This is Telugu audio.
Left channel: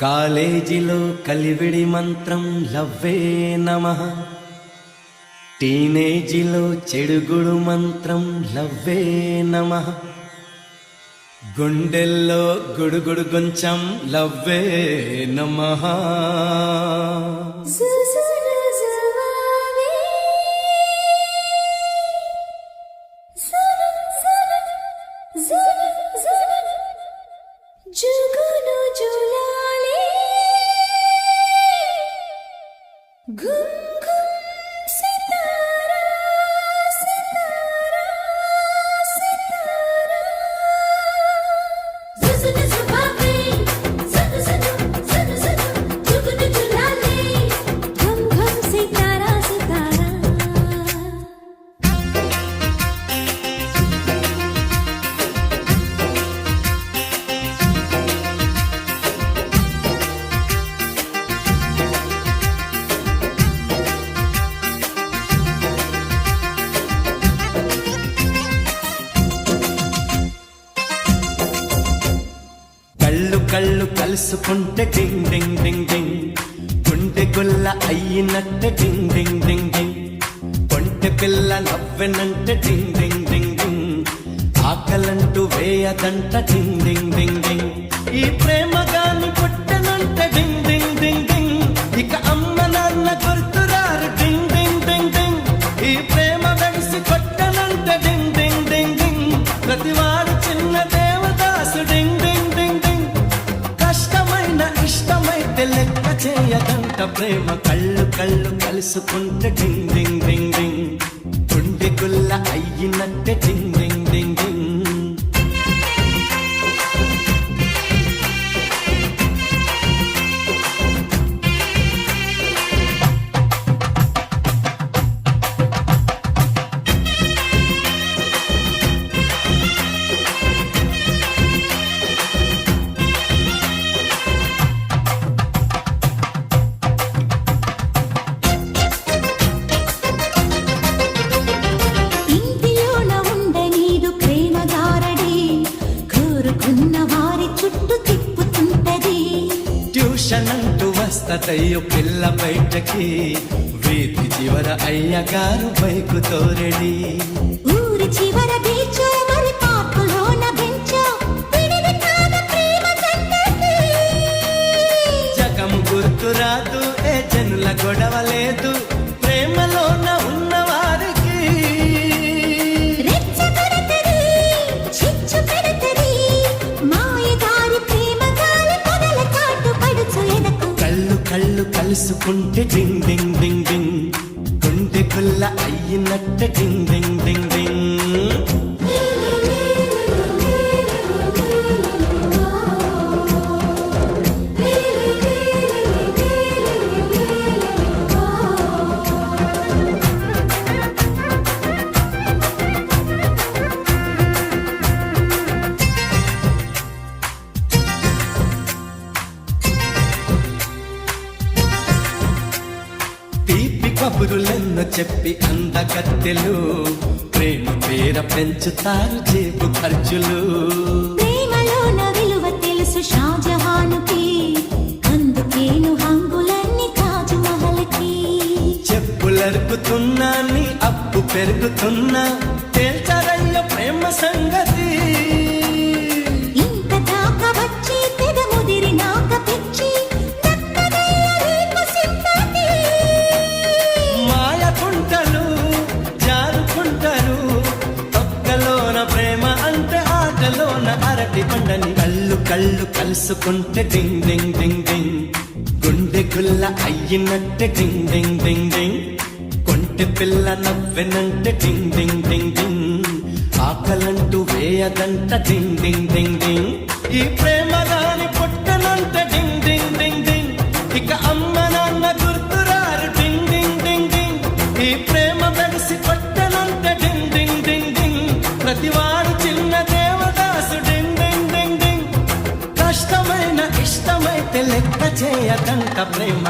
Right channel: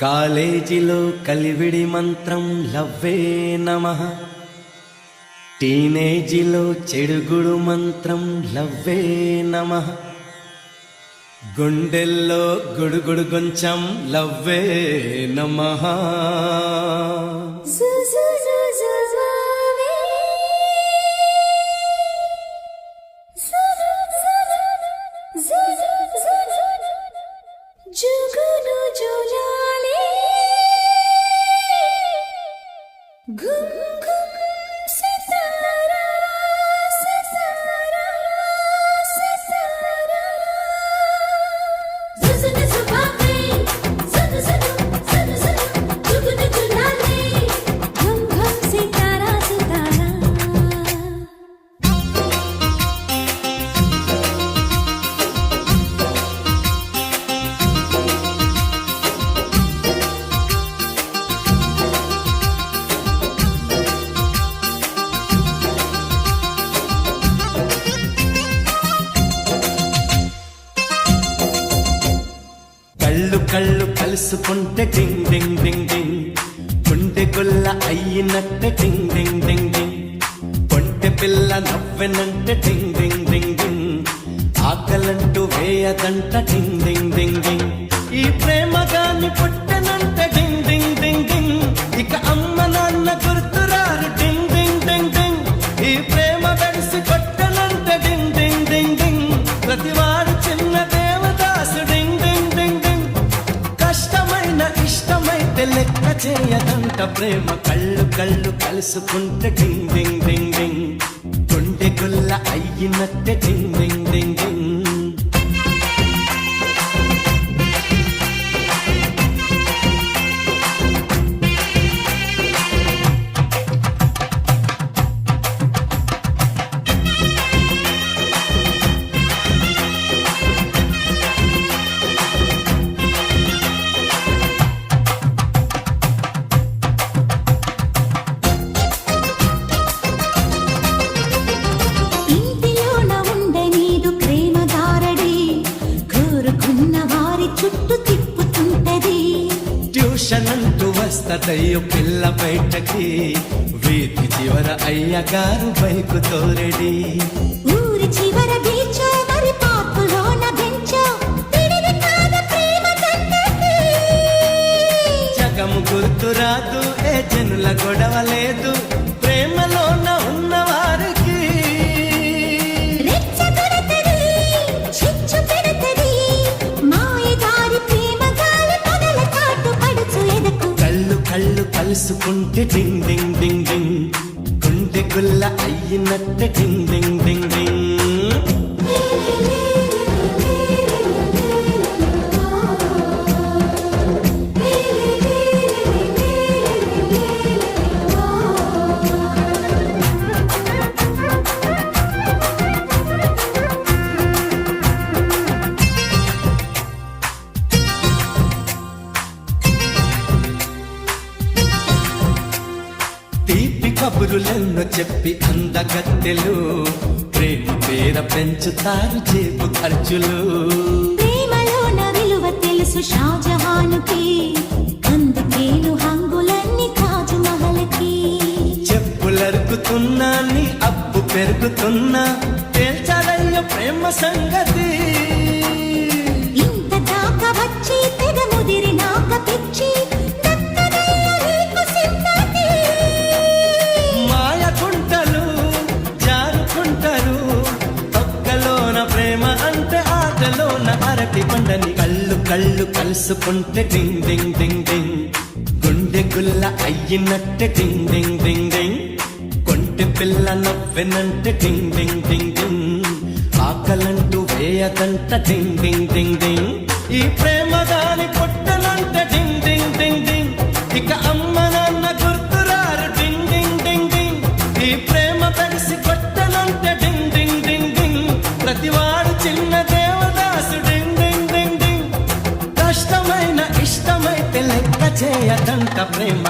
కాలేజీలో కలివిడి మంత్రం లవ్వే నమః. టీనేజీలో చెడుగుడు మంత్రం లవ్వే నమః. గుండెల్లో గుడుగుడు గొంచం లవ్వే నమః. जुगनू जुलाले घुम घुम सितारा सितारा सितारा जुगनू जुबाबे जुगनू जुगनू जुगनू जुगनू जुलाले घुम घुम सितारा सितारा. కళ్ళు కళ్ళు కలుసుకుంటే డింగ్ డింగ్ డింగ్ డింగ్. గుండె గుల్ల అయ్యినట్టు డింగ్ డింగ్ డింగ్ డింగ్. కొంటె పిల్ల నవ్వెనంటూ డింగ్ డింగ్ డింగ్ డింగ్. ఆకలంటూ వేయదంట డింగ్ డింగ్ డింగ్ డింగ్. ఈ ప్రేమ గాని పుట్టనంటే డింగ్ డింగ్ డింగ్ డింగ్. ఇక అమ్మ నాన్న గుర్తురారు డింగ్ డింగ్ డింగ్ డింగ్. ఈ ప్రేమ కలిసి కొట్టనంటే డింగ్ డింగ్ డింగ్ డింగ్. ప్రతివారు చిన్న దేవదాసు డింగ్ డింగ్ డింగ్ డింగ్. కష్టమైన ఇష్టమైతే లెక్క చేయదంట ప్రేమ. కళ్ళు కళ్ళు కలుసుకుంటే డింగ్ డింగ్ డింగ్ డింగ్. గుండె గుల్ల అయ్యినట్టే డింగ్ డింగ్ డింగ్ డింగ్. ట్యూషన్ అంటూ వస్తదయ్యో పిల్ల బయటకి. వీధి చివర అయ్యగారు బైకు తోరెడి. ఊరి చివర బీచో మరి పాపలోన బెంచో జగము గుర్తురాదు ఏ జనుల గొడవ లేదు ప్రేమలోన ఉన్నవారికి. కళ్ళు కళ్ళు కలుసుకుంటే డింగ్ డింగ్ డింగ్ డింగ్. గుండె గుల్ల అయ్యినట్టే డింగ్ డింగ్ డింగ్ డింగ్. తీపి కబురులెన్నో చెప్పి అందగత్తెలు ప్రేమ పేర పెంచుతారు జేబు ఖర్చులు. ప్రేమలోన విలువ తెలుసు షాజహానుకి, అందుకేను హంగులన్నీ తాజ్ మహల్కి. చెప్పులెరుకుతున్నా నీ అప్పు పెరుగుతున్నా తేల్చారన్న ప్రేమ సంగతి. ఇంత దాకా వచ్చి తెగ ముదిరి నాక పిచ్చి ప్రేమ అంటే ఆటలోన అరటి పండని. కళ్ళు కళ్ళు కలుసుకుంటే డింగ్ డింగ్ డింగ్ డింగ్. గుండె గుల్ల అయ్యినట్టే డింగ్ డింగ్ డింగ్ డింగ్. కొంటె పిల్ల నవ్వెనంటే డింగ్ డింగ్ డింగ్ డింగ్. ఆకలంటూ వేయదంట డింగ్ డింగ్ డింగ్ డింగ్. ఈ ప్రేమ గాని పుట్టనంటే డింగ్ డింగ్ డింగ్ డింగ్. ఇక అమ్మ నాన్న గుర్తురారు డింగ్ డింగ్ డింగ్ డింగ్. ఈ ప్రేమ కలిసి కొట్టనంటే డింగ్ డింగ్ డింగ్ డింగ్. ప్రతివాడు చిన్న దేవదాసు డింగ్ డింగ్ డింగ్ డింగ్. కష్టమైన ఇష్టమైతే లెక్క చేయదంట ప్రేమ.